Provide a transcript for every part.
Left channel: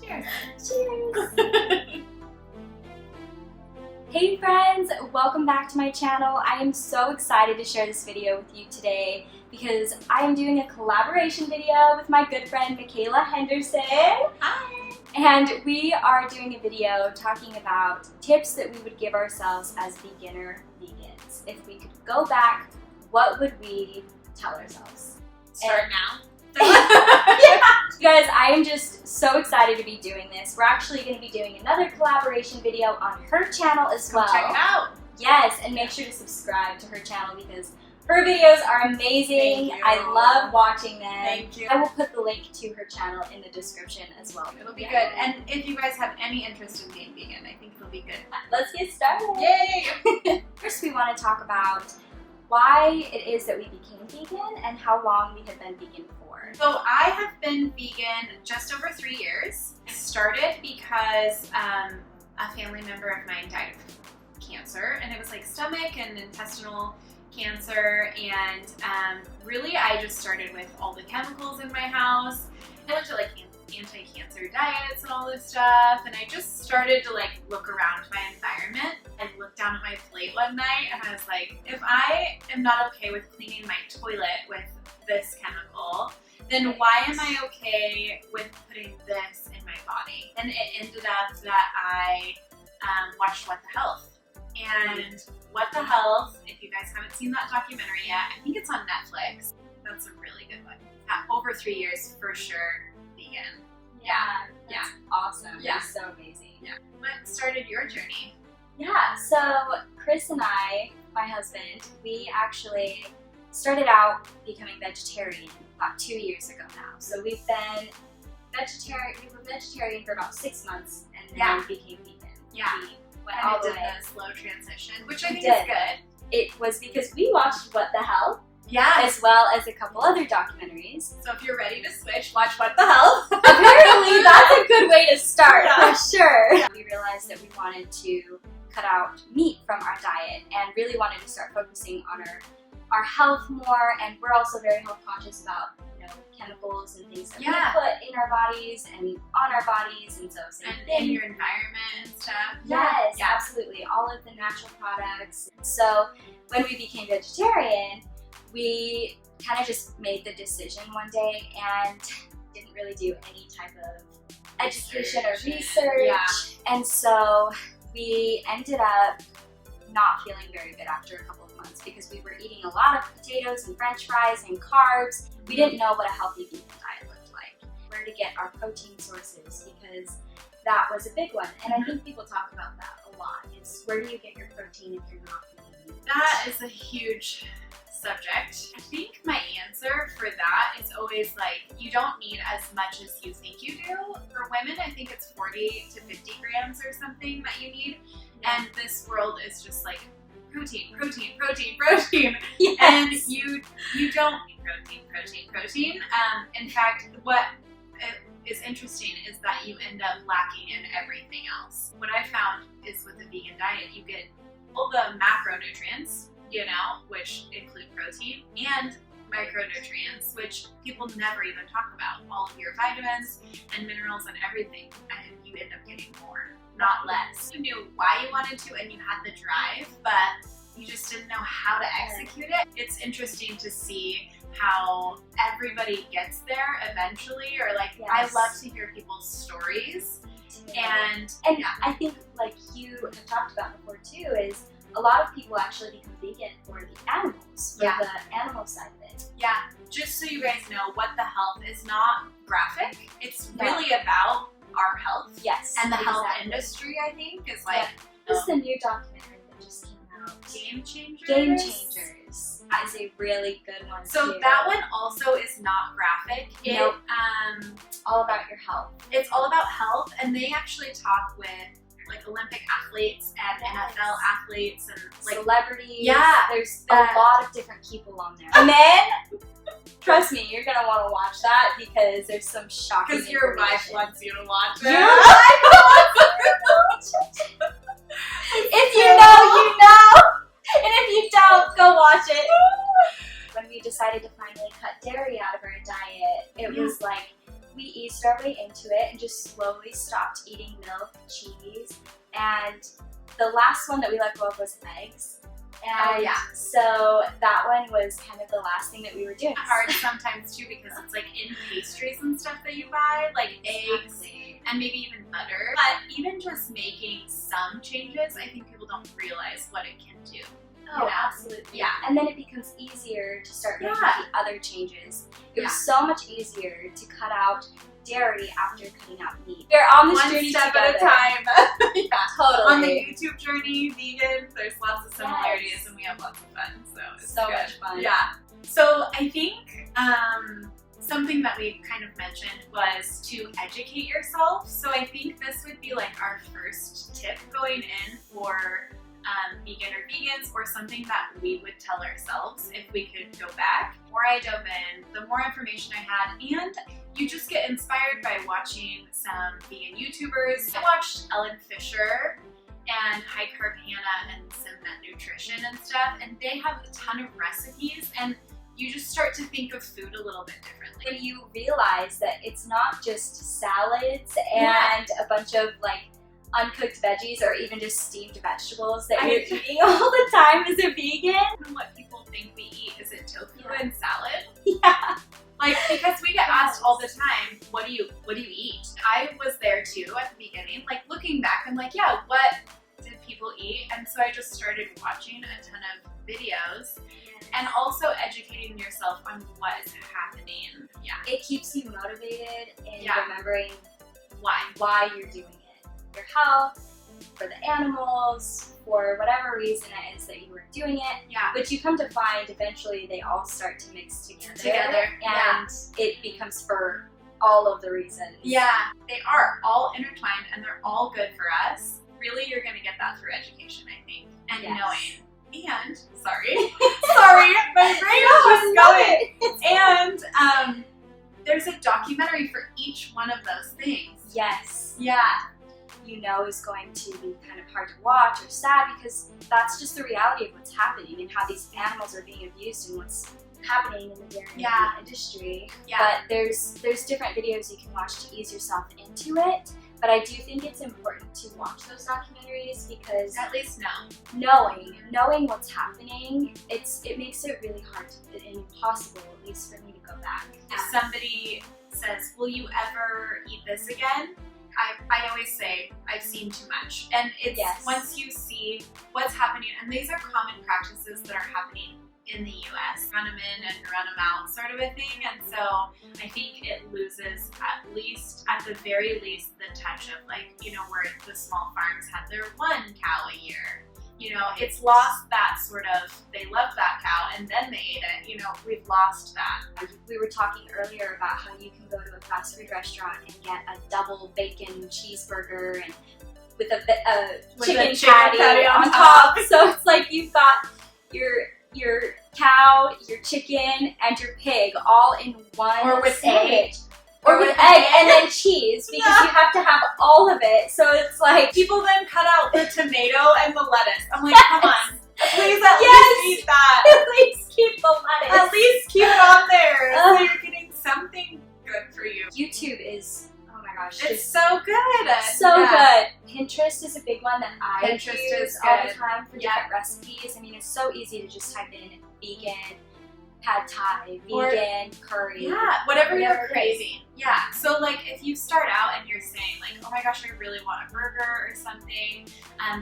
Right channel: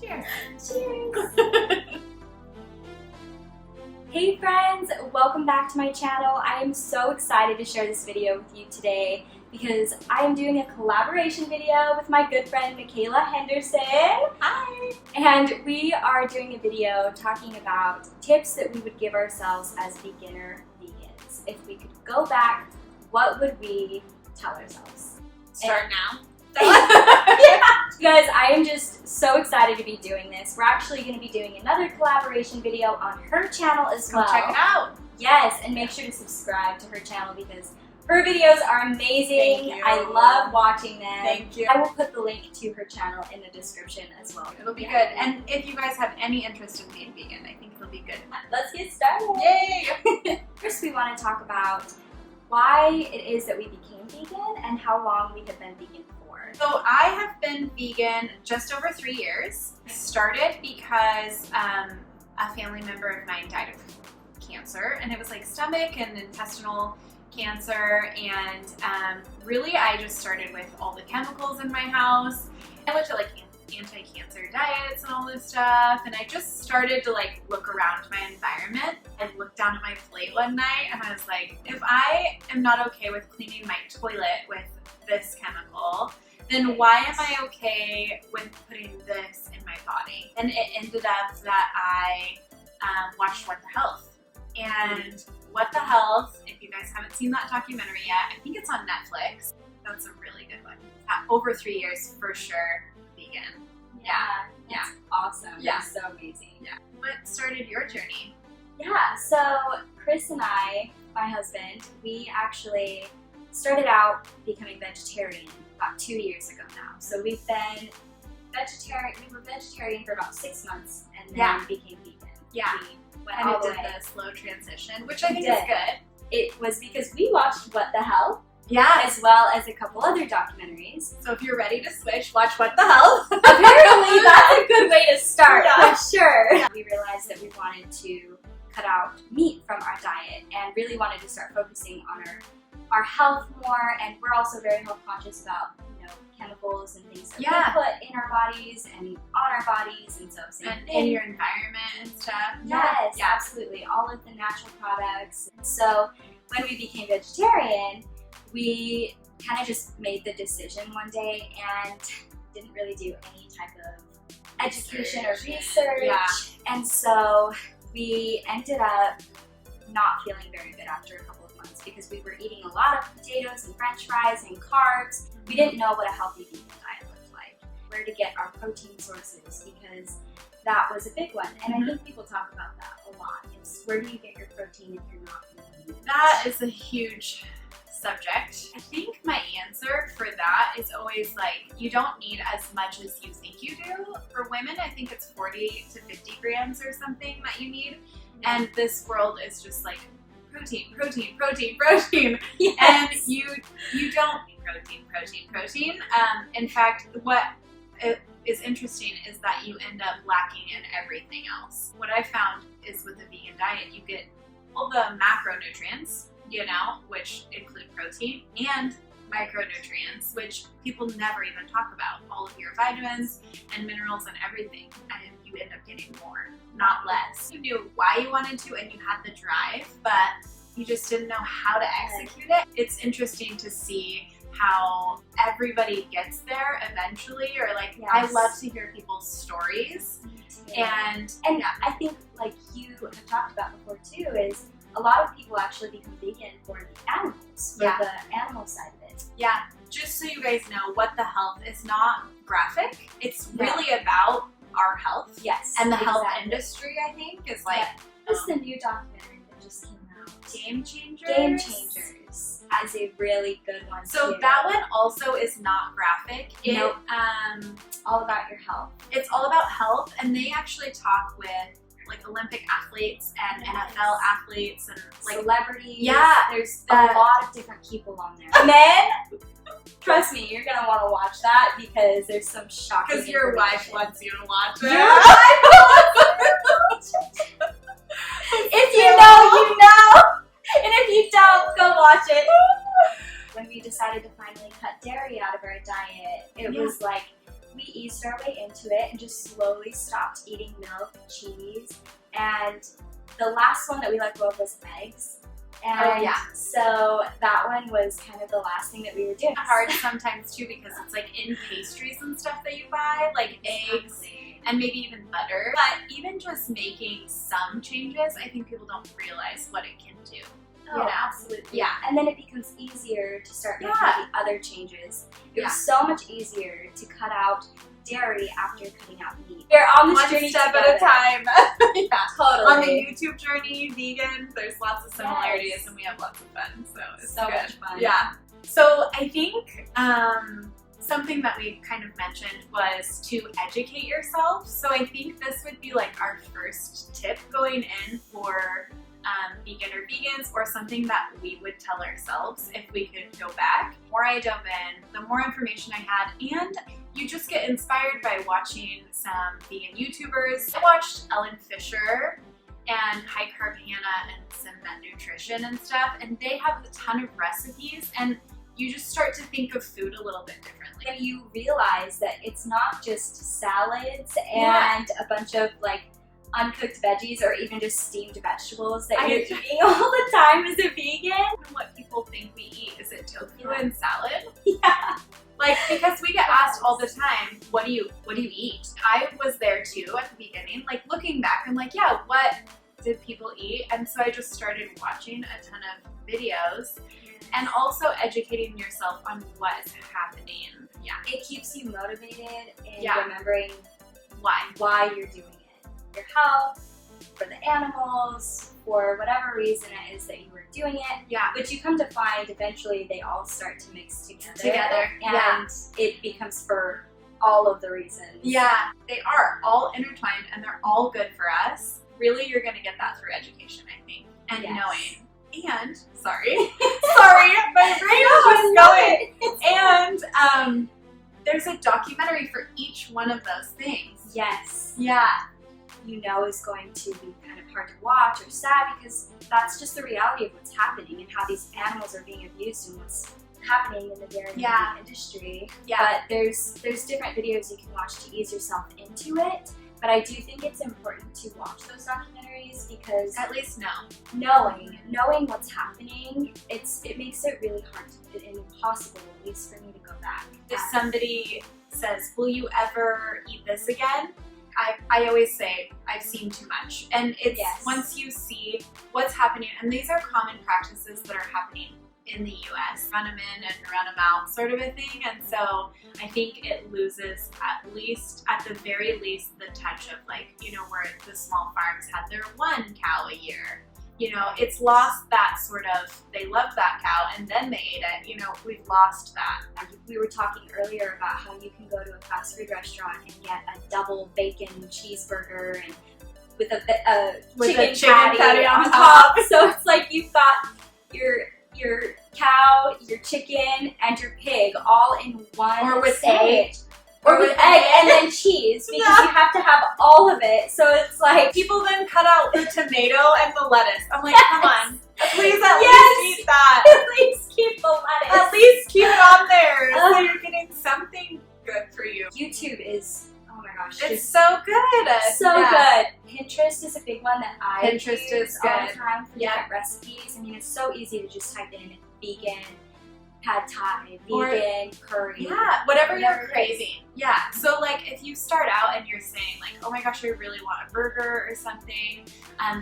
Cheers. Cheers. Hey friends, welcome back to my channel. I am so excited to share this video with you today because I am doing a collaboration video with my good friend Michaela Henderson. Hi. And we are doing a video talking about tips that we would give ourselves as beginner vegans. If we could go back, what would we tell ourselves? Start now. Yeah. You guys, I am just so excited to be doing this. We're actually going to be doing another collaboration video on her channel as well. Check it out. Yes, and make sure to subscribe to her channel because her videos are amazing. Thank you. I love watching them. Thank you. I will put the link to her channel in the description as well. It'll be good. And if you guys have any interest in being vegan, I think it'll be good. Let's get started. Yay! First, we want to talk about why it is that we became vegan and how long we have been vegan for. So I have been vegan just over 3 years. I started because a family member of mine died of cancer, and it was like stomach and intestinal cancer, and really I just started with all the chemicals in my house. I looked at like anti-cancer diets and all this stuff, and I just started to like look around my environment and look down at my plate one night, and I was like, if I am not okay with cleaning my toilet with this chemical, then why am I okay with putting this in my body? And it ended up that I watched What the Health. And What the Health, if you guys haven't seen that documentary yet, I think it's on Netflix. That's a really good one. Over 3 years for sure, vegan. That's awesome. Yeah. It's so amazing. Yeah. What started your journey? Yeah, so Chris and I, my husband, we actually started out becoming vegetarian about 2 years ago now. So we've been vegetarian, we were vegetarian for about 6 months and then became vegan. Yeah. We went And all it the did way. the slow transition, which I think did. is good. It was because we watched What the Hell, Yeah. as well as a couple other documentaries. So if you're ready to switch, watch What the Health. Apparently that's a good way to start, Yeah. for sure. Yeah. We realized that we wanted to cut out meat from our diet and really wanted to start focusing on our health more, and we're also very health conscious about chemicals and things that we put in our bodies and on our bodies, and so same And thing. in your environment and stuff. Yes, Yeah. absolutely. All of the natural products. So when we became vegetarian, we kind of just made the decision one day and didn't really do any type of education or research. Yeah. And so we ended up not feeling very good after a couple of months because we were eating a lot of potatoes and french fries and carbs. We didn't know what a healthy vegan diet looked like, where to get our protein sources, because that was a big one. And I think people talk about that a lot. It's where do you get your protein if you're not eating meat? That is a huge subject. I think my answer for that is always like, you don't need as much as you think you do. For women, I think it's 40 to 50 grams or something that you need. And this world is just like protein, protein, protein, protein. Yes. And you don't need protein. In fact, what is interesting is that you end up lacking in everything else. What I found is with a vegan diet, you get all the macronutrients, which include protein, and micronutrients, which people never even talk about. All of your vitamins and minerals and everything, and you end up getting more, not less. You knew why you wanted to and you had the drive, but you just didn't know how to execute it. It's interesting to see how everybody gets there eventually, or like, I love to hear people's stories. And I think, like you have talked about before too, is a lot of people actually become vegan for the animals, for the animal side of it. Yeah, just so you guys know, What the Health is not graphic. It's really about our health. Yes. And the health industry, I think, is like... This is the new documentary that just came out. Game Changers? Game Changers. That is a really good one So too. that one also is not graphic. Nope. All about your health. It's all about health, and they actually talk with like Olympic athletes and NFL athletes and like celebrities. Yeah. There's a lot of different people on there. Men, trust me, you're gonna want to watch that because there's some shocking Because your wife information. wants you to watch it. Your wife wants you to watch it. If you know, you know. And if you don't, go watch it. When we decided to finally cut dairy out of our diet, it was like, we eased our way into it and just slowly stopped eating milk, cheese, and the last one that we let go of was eggs. And so that one was kind of the last thing that we were doing. Hard sometimes too, because it's like in pastries and stuff that you buy, like eggs and maybe even butter. But even just making some changes, I think people don't realize what it can do. Oh, absolutely. Yeah, and then it becomes easier to start making the other changes. It was so much easier to cut out dairy after cutting out meat. We're on this journey step together. at a time. Totally. On the YouTube journey, vegan, there's lots of similarities and we have lots of fun. So it's so good. much fun. Yeah. So I think something that we kind of mentioned was to educate yourself. So I think this would be like our first tip going in for vegan or vegans, or something that we would tell ourselves if we could go back. The more I dove in, the more information I had, and you just get inspired by watching some vegan YouTubers. I watched Ellen Fisher and High Carb Hannah and some Met Nutrition and stuff, and they have a ton of recipes, and you just start to think of food a little bit differently. When you realize that it's not just salads and a bunch of like uncooked veggies or even just steamed vegetables that you're eating all the time as a vegan. What people think we eat, is it tofu and salad? Yeah. Like, because we get asked all the time, what do you eat? I was there too at the beginning, like looking back, I'm like, yeah, what did people eat? And so I just started watching a ton of videos and also educating yourself on what is happening. Yeah. It keeps you motivated and remembering why you're doing it. Your health, for the animals, for whatever reason it is that you were doing it. Yeah. Which you come to find eventually they all start to mix together. And it becomes for all of the reasons. Yeah. They are all intertwined and they're all good for us. Really, you're going to get that through education, I think, and knowing. And, sorry, my brain is just going. And there's a documentary for each one of those things. Yes. Yeah. You know is going to be kind of hard to watch or sad, because that's just the reality of what's happening and how these animals are being abused and what's happening in the dairy industry. Yeah. But there's different videos you can watch to ease yourself into it. But I do think it's important to watch those documentaries, because at least knowing what's happening, it makes it really hard and impossible, at least for me to go back. If somebody says, will you ever eat this again? I always say, I've seen too much. And it's once you see what's happening, and these are common practices that are happening in the US, run them in and run them out sort of a thing. And so I think it loses at the very least, the touch of like, you know, where the small farms had their one cow a year. You know, it's lost that sort of, they loved that cow and then they ate it. You know, we've lost that. We were talking earlier about how you can go to a fast food restaurant and get a double bacon cheeseburger and with a chicken patty on top. So it's like you've got your cow, your chicken, and your pig all in one or with egg. Or with egg and then cheese, because you have to have all of it. So it's like people then cut out the tomato and the lettuce. I'm like, come on, please at least eat that. At least keep the lettuce. At least keep it on there, so you're getting something good for you. YouTube is, oh my gosh, it's so good. So good. Pinterest is a big one that I use is all the time for different recipes. I mean, it's so easy to just type in vegan pad thai, vegan curry. Yeah, whatever you're craving. Yeah, so like if you start out and you're saying like, oh my gosh, I really want a burger or something,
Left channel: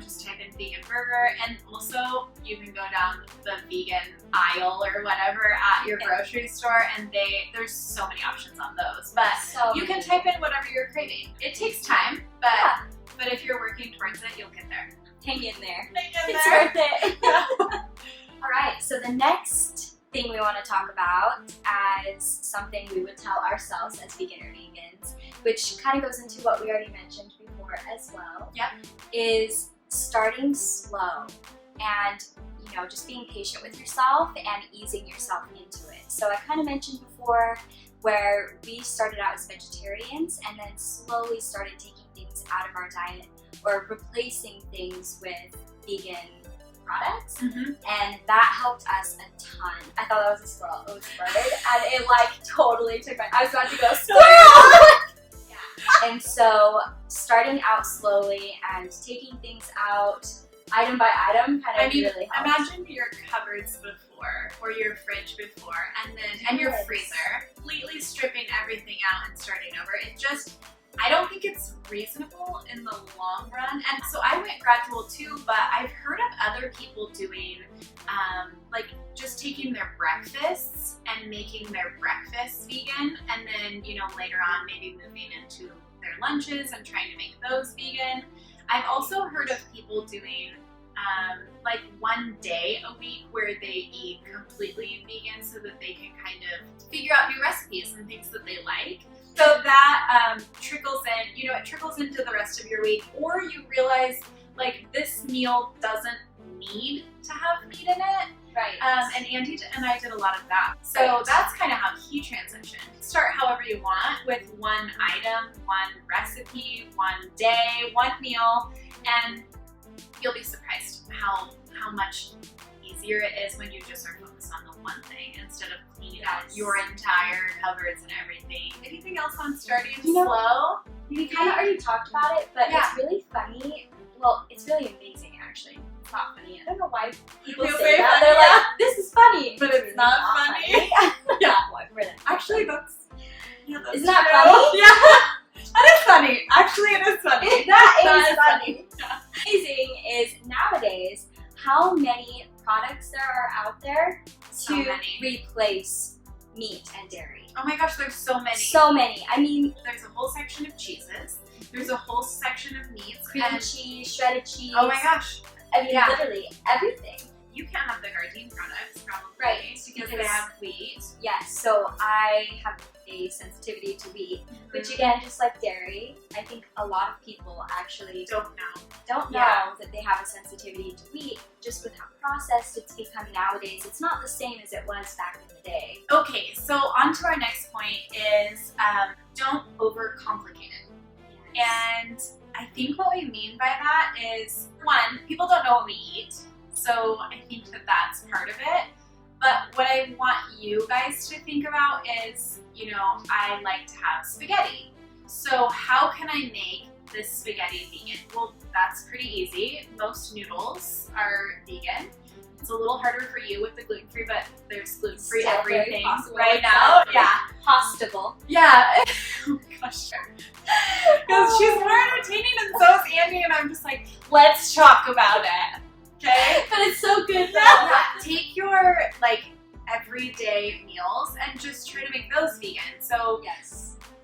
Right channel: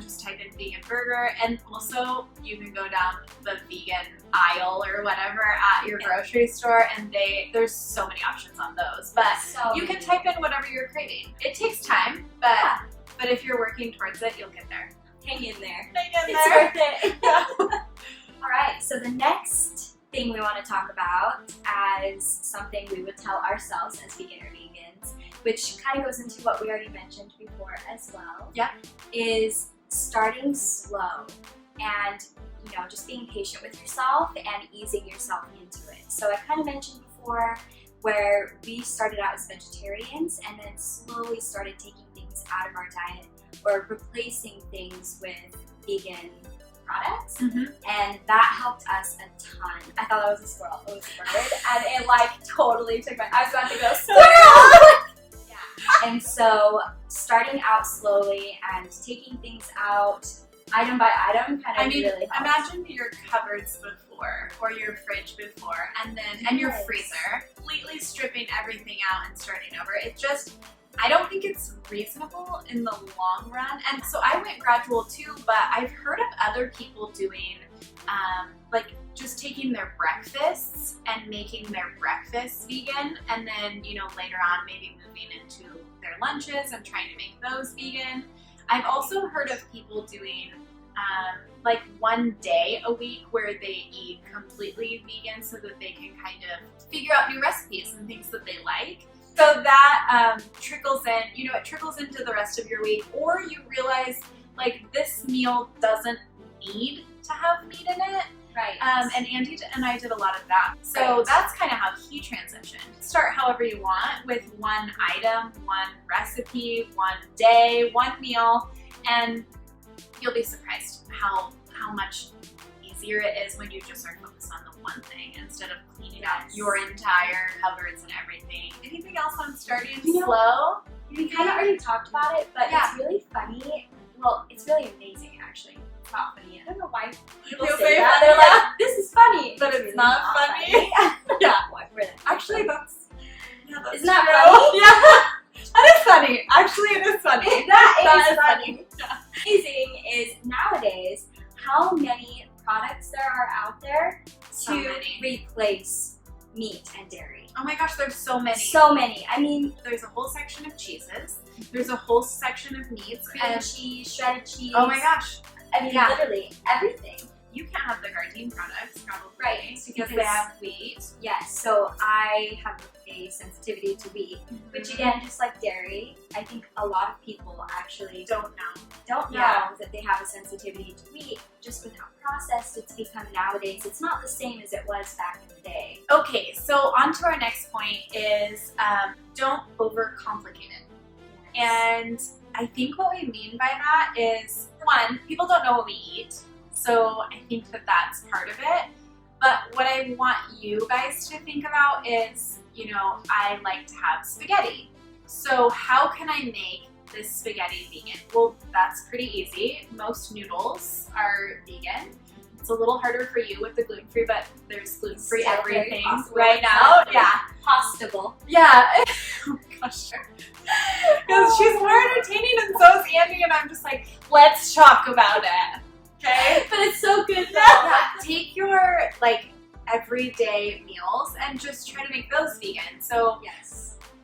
just type in vegan burger. And also you can go down the vegan aisle or whatever at your grocery store, and there's so many options on those. But you can type in whatever you're craving. It takes time, but if you're working towards it, you'll get there. Hang in there. It's worth it. All right, so the next thing we want to talk about as something we would tell ourselves as vegan or vegans, which kind of goes into what we already mentioned before as well, is starting slow and, you know, just being patient with yourself and easing yourself into it. So I kind of mentioned before where we started out as vegetarians and then slowly started taking things out of our diet or replacing things with vegan products, Mm-hmm. and that helped us a ton. I thought that was a squirrel. It was a bird, and it like totally took I was about to go squirrel! Yeah. And so starting out slowly and taking things out item by item kind of really helped. Imagine your cupboards before or your fridge before and your freezer, completely stripping everything out and starting over. I don't think it's reasonable in the long run. And so I went gradual too, but I've heard of other people doing like just taking their breakfasts and making their breakfasts vegan, and then, you know, later on maybe moving into their lunches and trying to make those vegan. I've also heard of people doing like one day a week where they eat completely vegan so that they can kind of figure out new recipes and things that they like. So that trickles in, you know, it trickles into the rest of your week, or you realize like this meal doesn't need to have meat in it. Right. And Andy and I did a lot of that. So that's kind of how he transitioned. Start however you want with one item, one recipe, one day, one meal, and you'll be surprised how much easier it is when you just are focused on the one thing instead of cleaning out your entire cupboards and everything. Anything else on starting slow? We kind of already talked about it, but it's really funny. Well, it's really amazing actually. It's not funny. I don't know why people say that. They're like, this is funny. But it's really not funny. Yeah. Actually, that's Isn't that funny? Yeah. That is funny. Actually, it is funny. That is funny. Yeah. Amazing is nowadays how many products there are out there to replace meat and dairy. Oh my gosh, there's so many. So many. I mean, there's a whole section of cheeses. There's a whole section of meats. Cream cheese, shredded cheese. Oh my gosh. I mean, literally everything. You can't have the Gardein products, probably. Right. Because they have wheat. Yes. So I have a sensitivity to wheat, which again, just like dairy, I think a lot of people actually don't know that they have a sensitivity to wheat just with how processed it's become nowadays. It's not the same as it was back in the day. Okay, so on to our next point is don't overcomplicate it. Yes. And I think what we mean by that is, one, people don't know what we eat. So I think that that's part of it. But what I want you guys to think about is, you know, I like to have spaghetti. So how can I make this spaghetti vegan? Well, that's pretty easy. Most noodles are vegan. It's a little harder for you with the gluten-free, but there's gluten-free everything right now. Yeah. Possible. Yeah. Oh my gosh. Because she's more entertaining and so is Andy, and I'm just like, let's talk about it. Okay? But it's so good though. Yeah. Take your like everyday meals and just try to make those vegan. So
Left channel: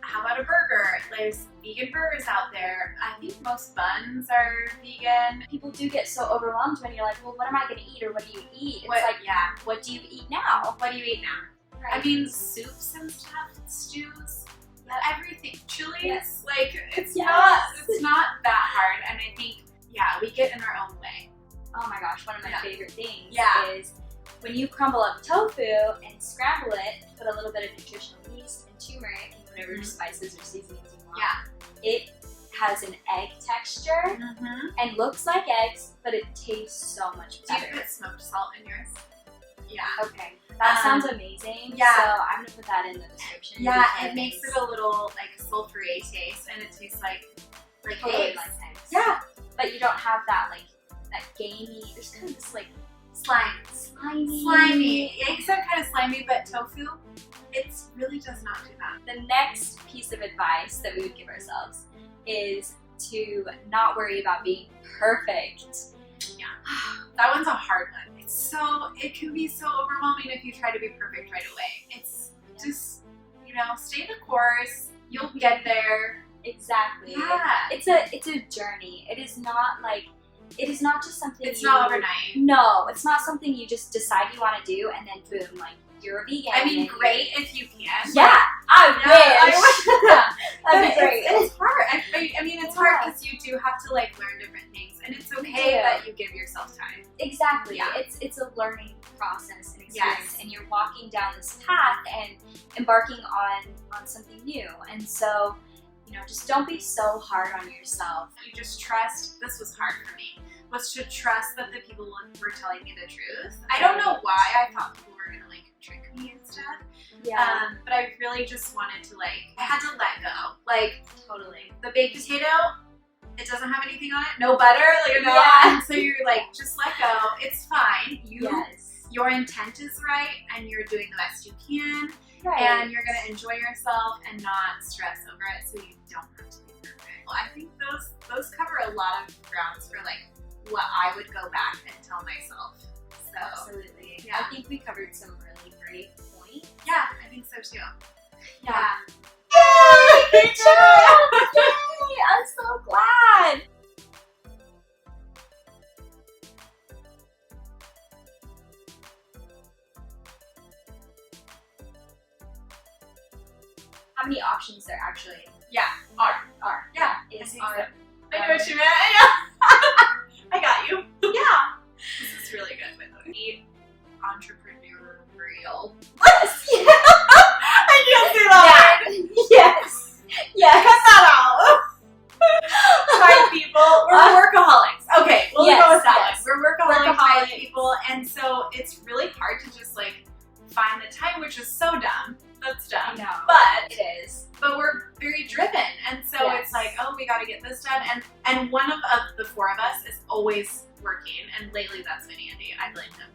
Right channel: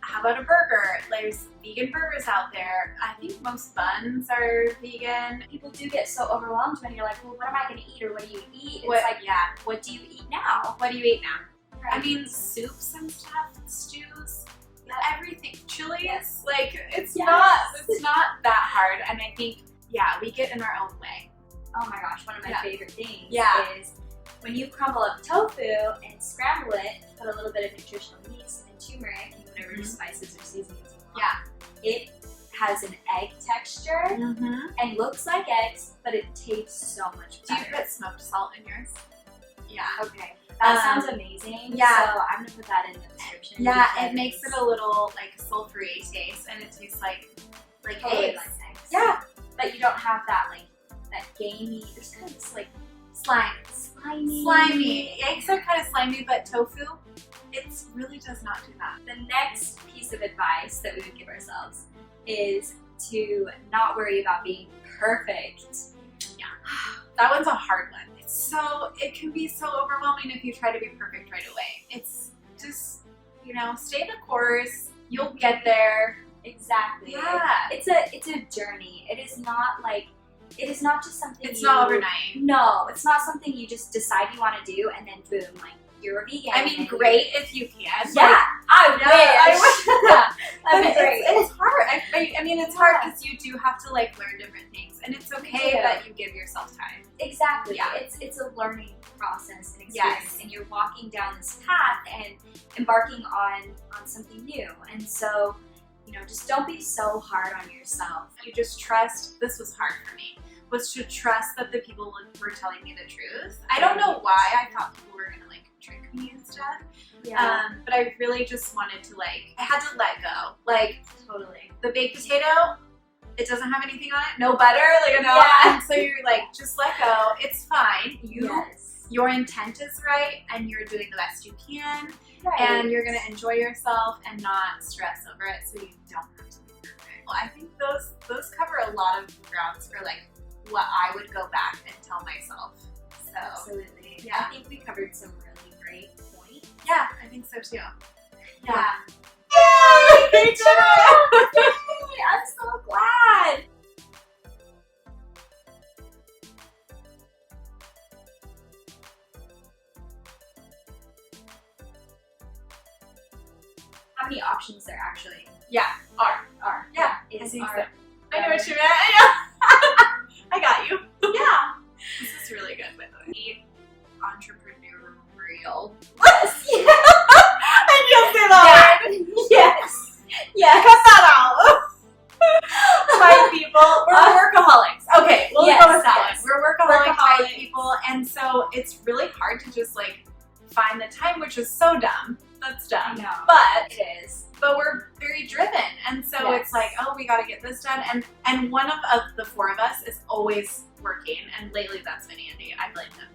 how about a burger? There's vegan burgers out there. I think most buns are vegan. People do get so overwhelmed when you're like, well, what am I going to eat, or what do you eat? It's like, what do you eat now? What do you eat now? Right. I mean, soups and stuff, stews, everything. Chilies, like it's not that hard. And I think, we get in our own way. Oh my gosh, one of my favorite things is when you crumble up tofu and scramble it, put a little bit of nutritional yeast and turmeric and whatever spices or seasonings you want. It has an egg texture and looks like eggs, but it tastes so much better. Do you put smoked salt in yours? Yeah. Okay. That sounds amazing. Yeah. So I'm going to put that in the description. Yeah, it makes it a little like sulfury taste, and it tastes like eggs. Like eggs. Yeah. But you don't have that like that gamey, there's kind of this like slimy. Eggs are kind of slimy, but tofu, it really does not do that. The next piece of advice that we would give ourselves is to not worry about being perfect. Yeah, that one's a hard one. It can be so overwhelming if you try to be perfect right away. It's just, you know, stay the course, you'll get there. Exactly. Yeah. It's a journey. It is not just something It's not overnight. No, it's not something you just decide you want to do and then boom, like you're a vegan. I mean, great if you can. Yeah, I wish. That'd be great. It's hard. I mean, it's hard because you do have to like learn different things, and it's okay that you give yourself time. Exactly. Yeah. It's a learning process and experience, and you're walking down this path and embarking on something new. And so, you know, just don't be so hard on yourself. You just trust. This was hard for me. was to trust that the people were telling me the truth. I don't know why I thought people were gonna like trick me and stuff. Yeah. But I really just wanted to like, I had to let go. Like, Totally. the baked potato, it doesn't have anything on it, no butter, like, you know. Yeah. And so you're like, just let go. It's fine. Yes. Your intent is right, and you're doing the best you can, Right. and you're gonna enjoy yourself and not stress over it, so you don't have to be perfect. Well, I think those cover a lot of grounds for like what I would go back and tell myself. So Absolutely. yeah. I think we covered some really great points. yeah, I think so too. Yeah. Yay! Good job! Yay! I'm so glad. How many options there actually Yeah, are? Yeah, I Is think our, so. I know what you meant. I got you. yeah. This is really good, by the way. Entrepreneurial. Yeah. I can't say that word. Yes. Yes. Cut that out. Type people. We're workaholics. Okay, we'll Yes, go with that yes. one. We're workaholic type Workaholics. people, and so it's really hard to just like find the time, which is so dumb. That's dumb. I know. But It is. we're very driven, and so Yes. it's like, oh, we got to get this done, and one of the four of us is always working, and lately that's been Andy. I blame him.